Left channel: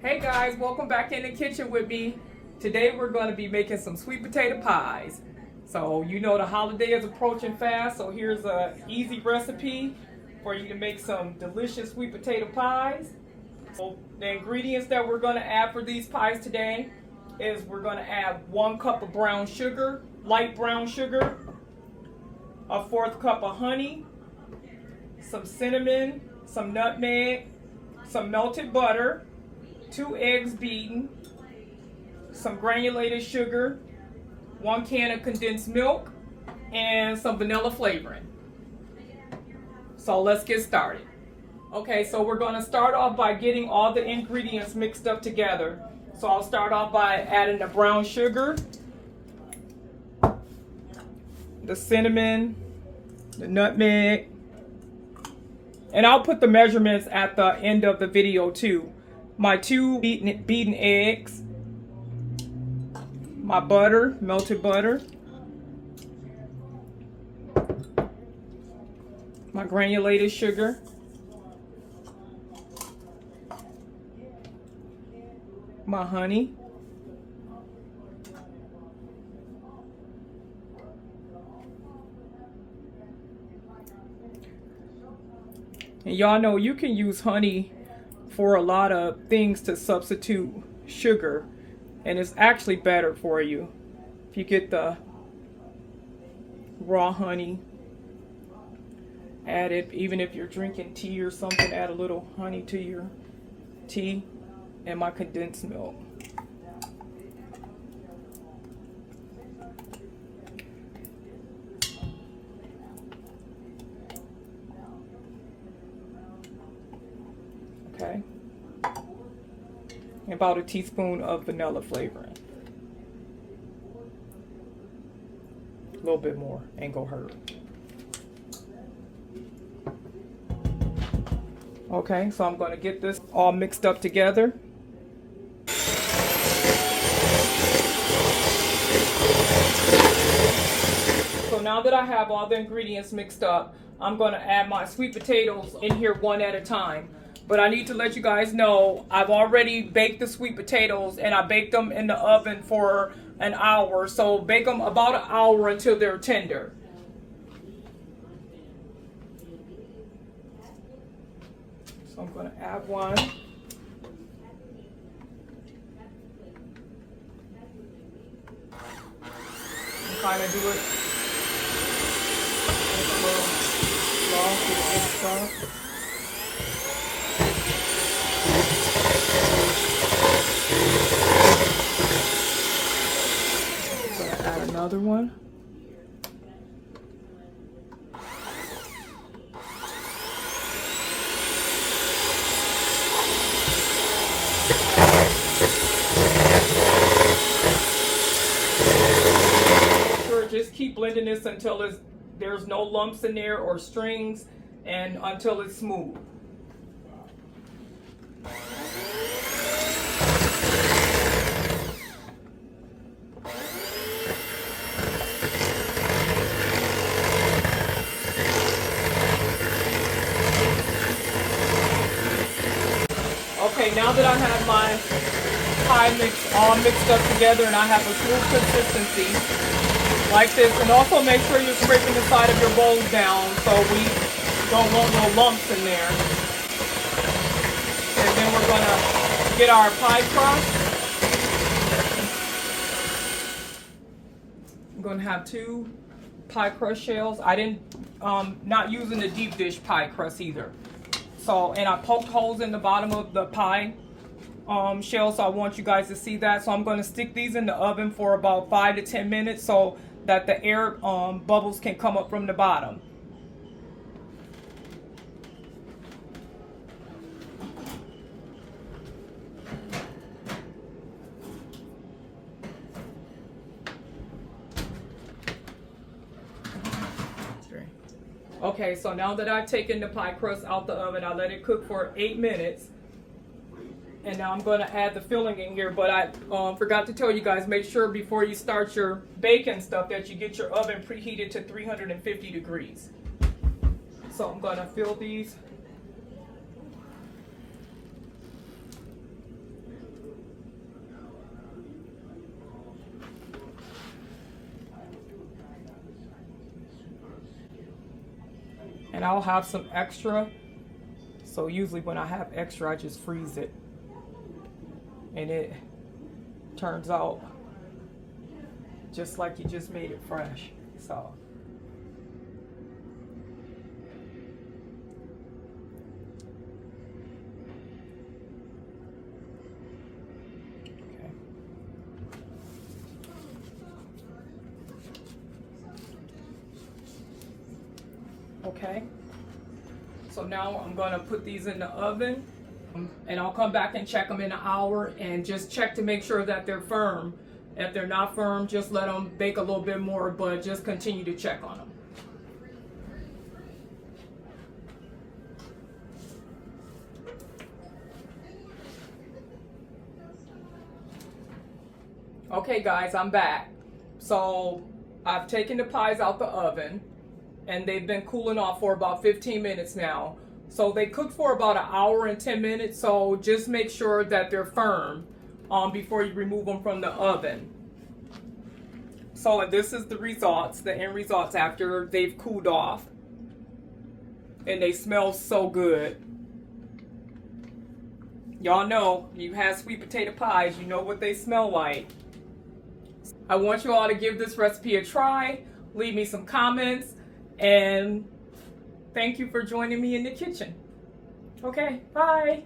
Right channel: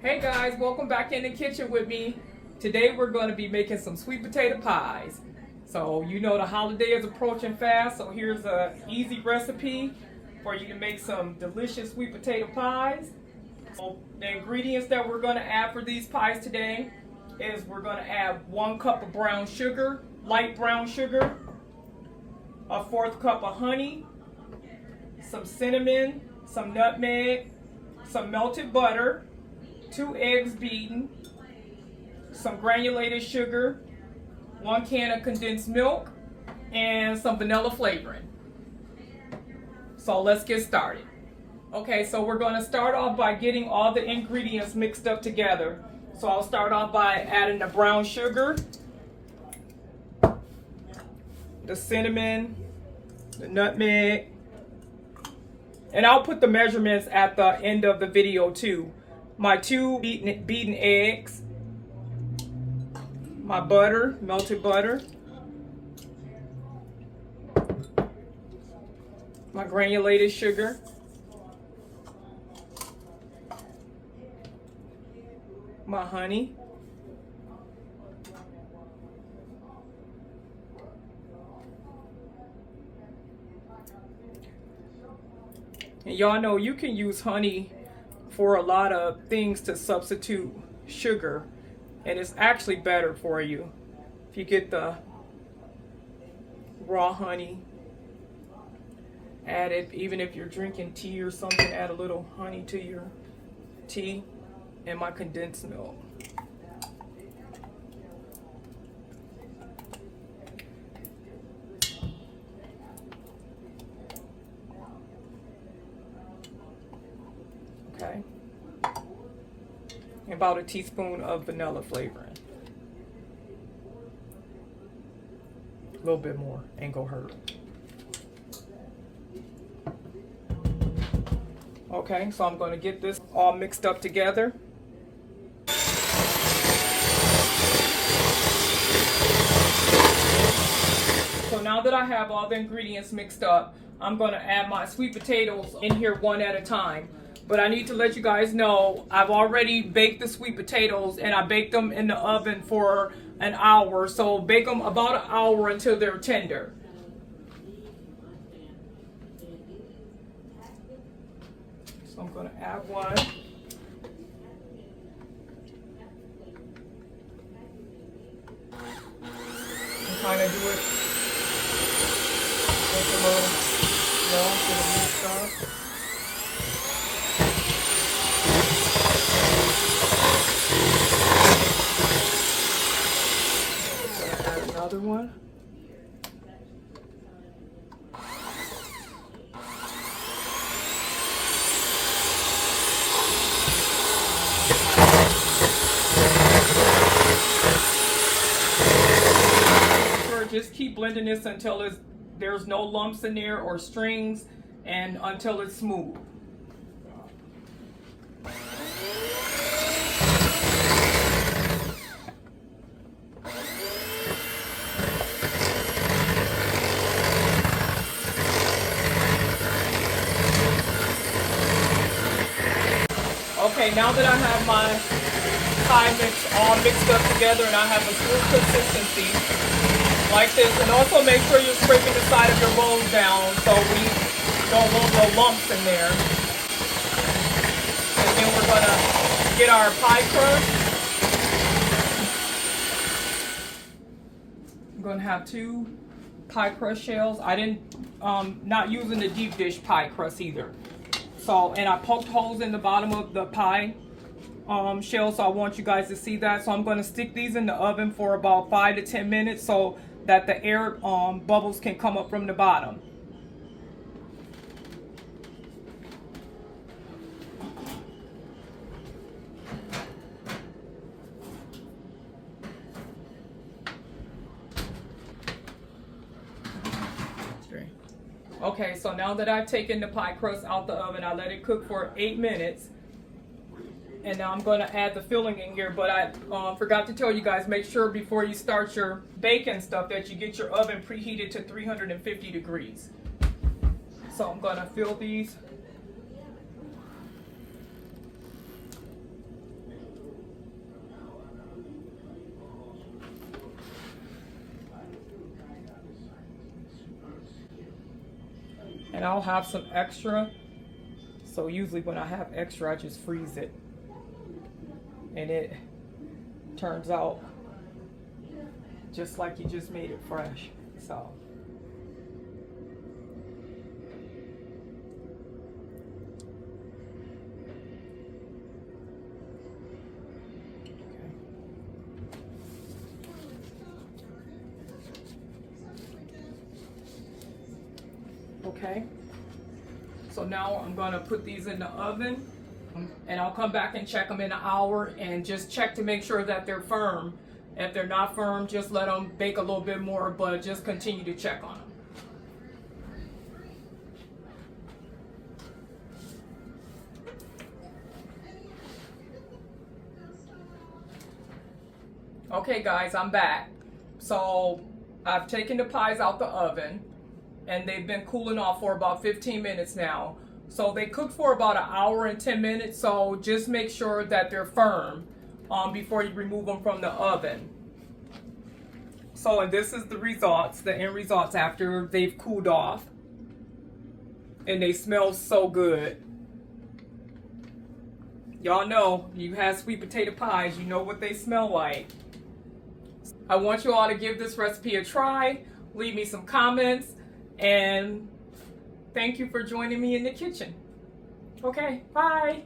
Hey guys, welcome back in the kitchen with me. Today we're going to be making some sweet potato pies. So you know the holiday is approaching fast, so here's an easy recipe for you to make some delicious sweet potato pies. So the ingredients that we're going to add for these pies today is we're going to add 1 cup of brown sugar, light brown sugar, a 1/4 cup of honey, some cinnamon, some nutmeg, some melted butter, 2 eggs beaten, some granulated sugar, 1 can of condensed milk, and some vanilla flavoring. So let's get started. Okay, so we're going to start off by getting all the ingredients mixed up together. So I'll start off by adding the brown sugar, the cinnamon, the nutmeg, and I'll put the measurements at the end of the video too. My 2 beaten eggs, my butter, melted butter, my granulated sugar, my honey, and y'all know you can use honey for a lot of things to substitute sugar, and it's actually better for you if you get the raw honey. Add it, even if you're drinking tea or something, add a little honey to your tea, and my condensed milk. Okay. About a teaspoon of vanilla flavoring. A little bit more, ain't gonna hurt. Okay, so I'm gonna get this all mixed up together. So now that I have all the ingredients mixed up, I'm gonna add my sweet potatoes in here one at a time. But I need to let you guys know I've already baked the sweet potatoes, and I baked them in the oven for an hour. So bake them about an hour until they're tender. So I'm going to add one. And kind of do it with a little slow to the big stuff. Another one. Just keep blending this until there's no lumps in there or strings, and until it's smooth. Okay, now that I have my pie mix all mixed up together and I have a smooth consistency like this, and also make sure you're scraping the side of your bowls down so we don't want no lumps in there. And then we're gonna get our pie crust. I'm gonna have 2 pie crust shells. I didn't, not using the deep dish pie crust either. So, and I poked holes in the bottom of the pie shell, so I want you guys to see that. So I'm going to stick these in the oven for about 5 to 10 minutes so that the air bubbles can come up from the bottom. Okay, so now that I've taken the pie crust out the oven, I let it cook for 8 minutes. And now I'm going to add the filling in here, but I forgot to tell you guys, make sure before you start your baking stuff that you get your oven preheated to 350 degrees. So I'm going to fill these And I'll have some extra. So usually when I have extra, I just freeze it. And it turns out just like you just made it fresh. So. Okay, so now I'm going to put these in the oven, and I'll come back and check them in an hour and just check to make sure that they're firm. If they're not firm, just let them bake a little bit more, but just continue to check on them. Okay guys, I'm back. So I've taken the pies out the oven, and they've been cooling off for about 15 minutes now. So they cook for about an hour and 10 minutes, so just make sure that they're firm before you remove them from the oven. So this is the results, the end results after they've cooled off. And they smell so good. Y'all know, you have sweet potato pies, you know what they smell like. I want you all to give this recipe a try, leave me some comments, and thank you for joining me in the kitchen. Okay, bye.